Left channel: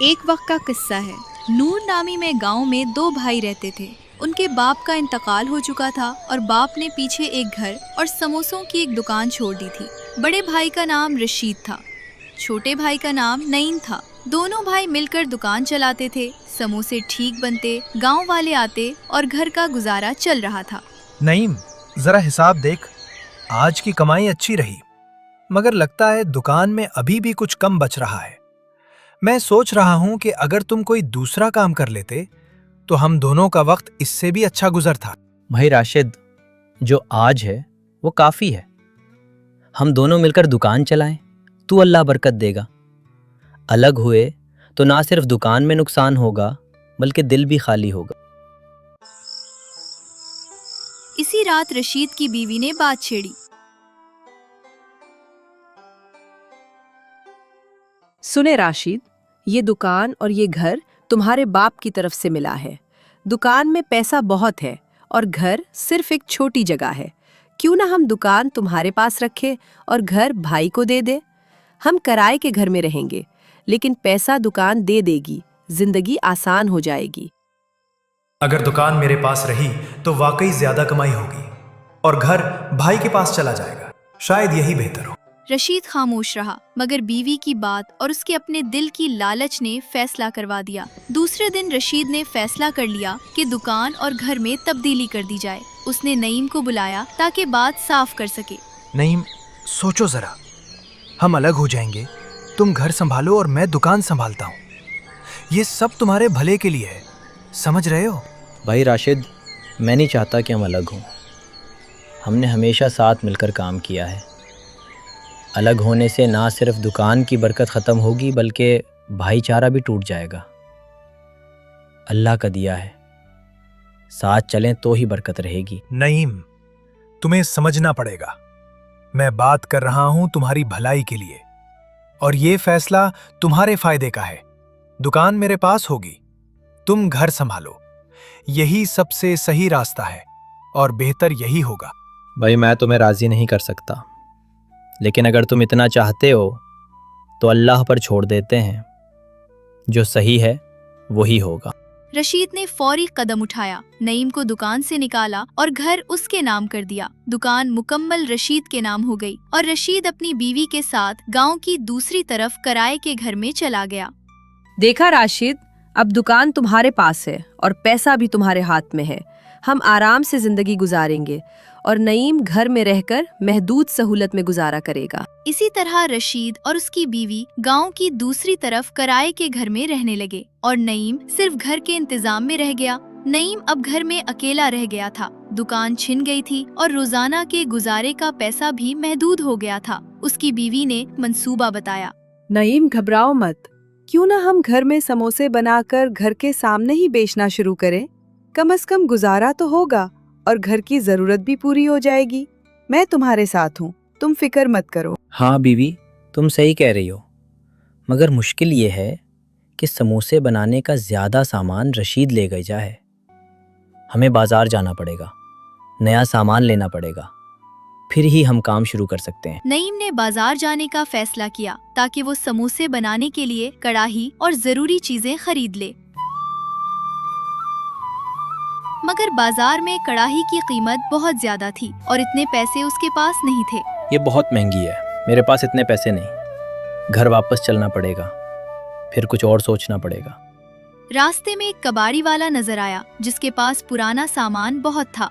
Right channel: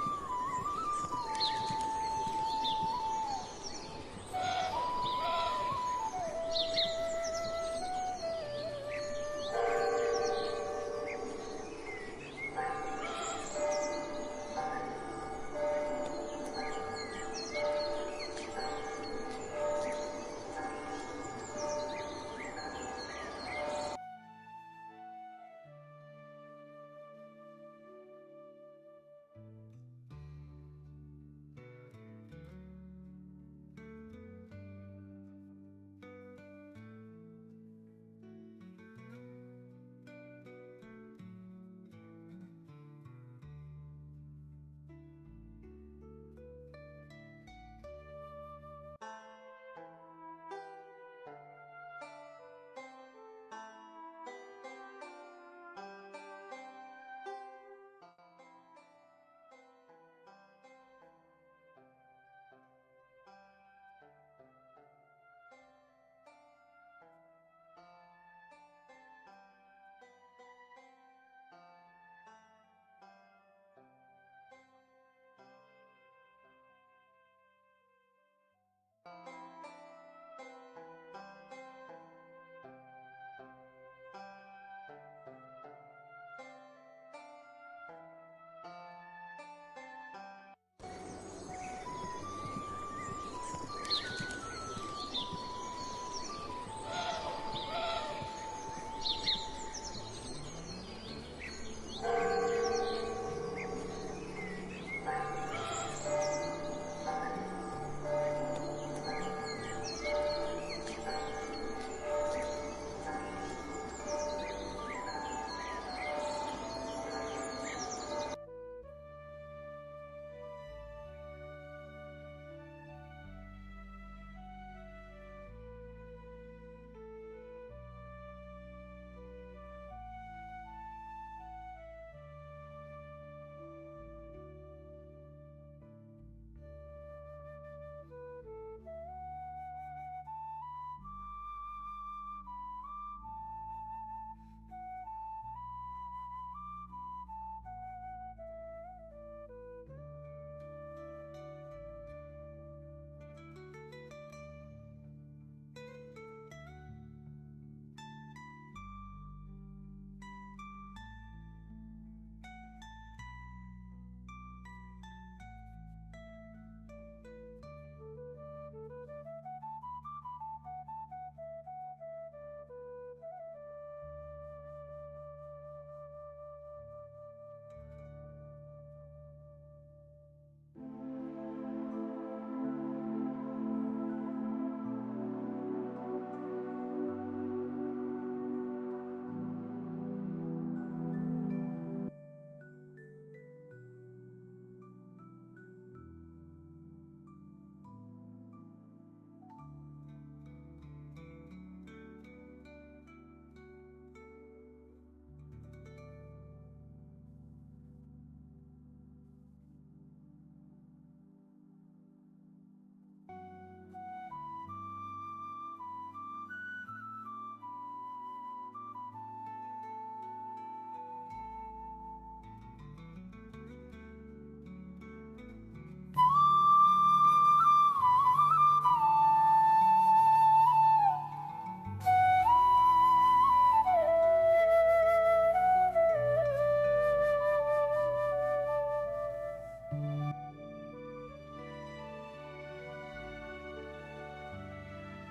ایک وقت کا قصہ ہے۔ نور نامی میں گاؤں میں دو بھائی رہتے تھے۔ ان کے باپ کا انتقال ہو چکا تھا اور باپ نے پیچھے ایک گھر اور سموسوں کی ایک دکان چھوڑ دی تھی۔ بڑے بھائی کا نام رشید تھا، چھوٹے بھائی کا نام نعیم تھا۔ دونوں بھائی مل کر دکان چلاتے تھے، سموسے ٹھیک بنتے، گاؤں والے آتے اور گھر کا گزارا چل رہا تھا۔ نعیم، ذرا حساب دیکھ، آج کی کمائی اچھی رہی، مگر لگتا ہے دکان میں ابھی بھی کچھ کم بچ رہا ہے۔ میں سوچ رہا ہوں کہ اگر تم کوئی دوسرا کام کر لیتے تو ہم دونوں کا وقت اس سے بھی اچھا گزرتا۔ بھائی راشد، جو آج ہے وہ کافی ہے۔ ہم دونوں مل کر دکان چلائیں تو اللہ برکت دے گا۔ الگ ہوئے تو نہ صرف دکان میں نقصان ہوگا بلکہ دل بھی خالی ہوگا۔ اسی رات رشید کی بیوی نے بات چھیڑی۔ سنے راشد، یہ دکان اور یہ گھر تمہارے باپ کی طرف سے ملا ہے۔ دکان میں پیسہ بہت ہے اور گھر صرف ایک چھوٹی جگہ ہے۔ کیوں نہ ہم دکان تمہارے پاس رکھے اور گھر بھائی کو دے دے؟ ہم کرائے کے گھر میں رہیں گے لیکن پیسہ دکان دے دے گی، زندگی آسان ہو جائے گی۔ اگر دکان میرے پاس رہی تو واقعی زیادہ کمائی ہوگی اور گھر بھائی کے پاس چلا جائے گا، شاید یہی بہتر ہو۔ رشید خاموش رہا، مگر بیوی کی بات اور اس کے اپنے دل کی لالچ نے فیصلہ کروا دیا۔ دوسرے دن رشید نے فیصلہ کر لیا کہ دکان اور گھر میں تبدیلی کر دی جائے۔ اس نے نعیم کو بلایا تاکہ بات صاف کر سکے۔ نعیم، سوچو ذرا، ہم الگ ہو جائیں گے، تم گھر سنبھالو اور میں دکان سنبھالتا ہوں۔ یہ سب تمہارے بھلے کے لیے ہے، سمجھ رہے ہو؟ بھائی راشد، میں نہیں چاہتا کہ ہم الگ ہوں۔ ہم نے ہمیشہ ساتھ مل کر کام کیا ہے۔ الگ ہونے سے نہ صرف دکان کی برکت ختم ہوگی بلکہ بھائی چارہ بھی ٹوٹ جائے گا۔ اللہ کا دیا ہے، ساتھ چلیں تو ہی برکت رہے گی۔ نعیم، تمہیں سمجھنا پڑے گا، میں بات کر رہا ہوں تمہاری بھلائی کے لیے، اور یہ فیصلہ تمہارے فائدے کا ہے۔ دکان میرے پاس ہوگی، تم گھر سنبھالو، یہی سب سے صحیح راستہ ہے اور بہتر یہی ہوگا۔ بھائی، میں تمہیں راضی نہیں کر سکتا، لیکن اگر تم اتنا چاہتے ہو تو اللہ پر چھوڑ دیتے ہیں، جو صحیح ہے وہی ہوگا۔ رشید نے فوری قدم اٹھایا، نعیم کو دکان سے نکالا اور گھر اس کے نام کر دیا۔ دکان مکمل رشید کے نام ہو گئی اور رشید اپنی بیوی کے ساتھ گاؤں کی دوسری طرف کرائے کے گھر میں چلا گیا۔ دیکھا راشد، اب دکان تمہارے پاس ہے اور پیسہ بھی تمہارے ہاتھ میں ہے۔ ہم آرام سے زندگی گزاریں گے اور نعیم گھر میں رہ کر محدود سہولت میں گزارا کرے گا۔ اسی طرح رشید اور اس کی بیوی گاؤں کی دوسری طرف کرائے کے گھر میں رہنے لگے اور نعیم صرف گھر کے انتظام میں رہ گیا۔ نعیم اب گھر میں اکیلا رہ گیا تھا، دکان چھن گئی تھی اور روزانہ کے گزارے کا پیسہ بھی محدود ہو گیا تھا۔ اس کی بیوی نے منصوبہ بتایا۔ نعیم، گھبراؤ مت، کیوں نہ ہم گھر میں سموسے بنا کر گھر کے سامنے ہی بیچنا شروع کریں؟ کم از کم گزارا تو ہوگا اور گھر کی ضرورت بھی پوری ہو جائے گی۔ میں تمہارے ساتھ ہوں، تم فکر مت کرو۔ ہاں بیوی، تم صحیح کہہ رہی ہو، مگر مشکل یہ ہے کہ سموسے بنانے کا زیادہ سامان رشید لے گئی جائے۔ ہمیں بازار جانا پڑے گا، نیا سامان لینا پڑے گا، پھر ہی ہم کام شروع کر سکتے ہیں۔ نعیم نے بازار جانے کا فیصلہ کیا تاکہ وہ سموسے بنانے کے لیے کڑاہی اور ضروری چیزیں خرید لے، مگر بازار میں کڑاہی کی قیمت بہت زیادہ تھی اور اتنے پیسے اس کے پاس نہیں تھے۔ یہ بہت مہنگی ہے، میرے پاس اتنے پیسے نہیں۔ گھر واپس چلنا پڑے گا، پھر کچھ اور سوچنا پڑے گا۔ راستے میں ایک کباڑی والا نظر آیا جس کے پاس پرانا سامان بہت تھا۔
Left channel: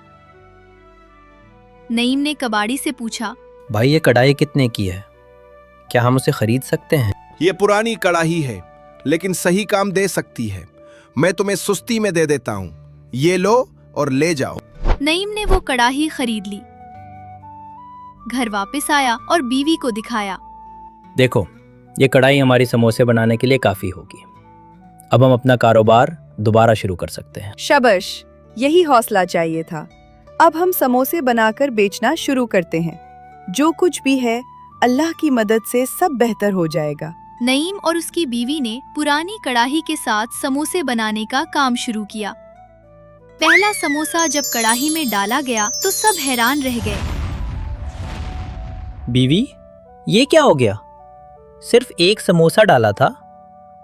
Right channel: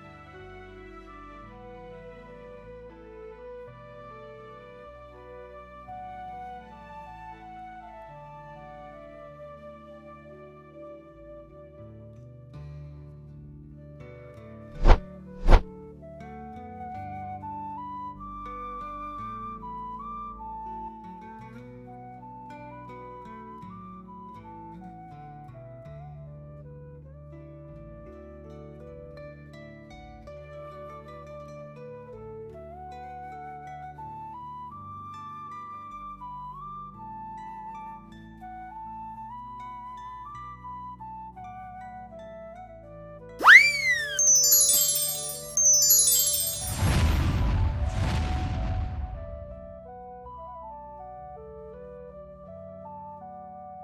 نعیم نے کباڑی سے پوچھا، بھائی یہ کڑھائی کتنے کی ہے؟ کیا ہم اسے خرید سکتے ہیں؟ یہ پرانی کڑاہی ہے لیکن صحیح کام دے سکتی ہے، میں تمہیں سستی میں دے دیتا ہوں، یہ لو اور لے جاؤ۔ نعیم نے وہ کڑاہی خرید لی، گھر واپس آیا اور بیوی کو دکھایا۔ دیکھو، یہ کڑھائی ہماری سموسے بنانے کے لیے کافی ہوگی، اب ہم اپنا کاروبار دوبارہ شروع کر سکتے ہیں۔ شاباش، یہی حوصلہ چاہیے تھا۔ اب ہم سموسے بنا کر بیچنا شروع کرتے ہیں۔ جو کچھ بھی ہے اللہ کی مدد سے سب بہتر ہو جائے گا۔ نعیم اور اس کی بیوی نے پرانی کڑاہی کے ساتھ سموسے بنانے کا کام شروع کیا۔ پہلا سموسا جب کڑاہی میں ڈالا گیا تو سب حیران رہ گئے۔ بیوی، یہ کیا ہو گیا؟ صرف ایک سموسا ڈالا تھا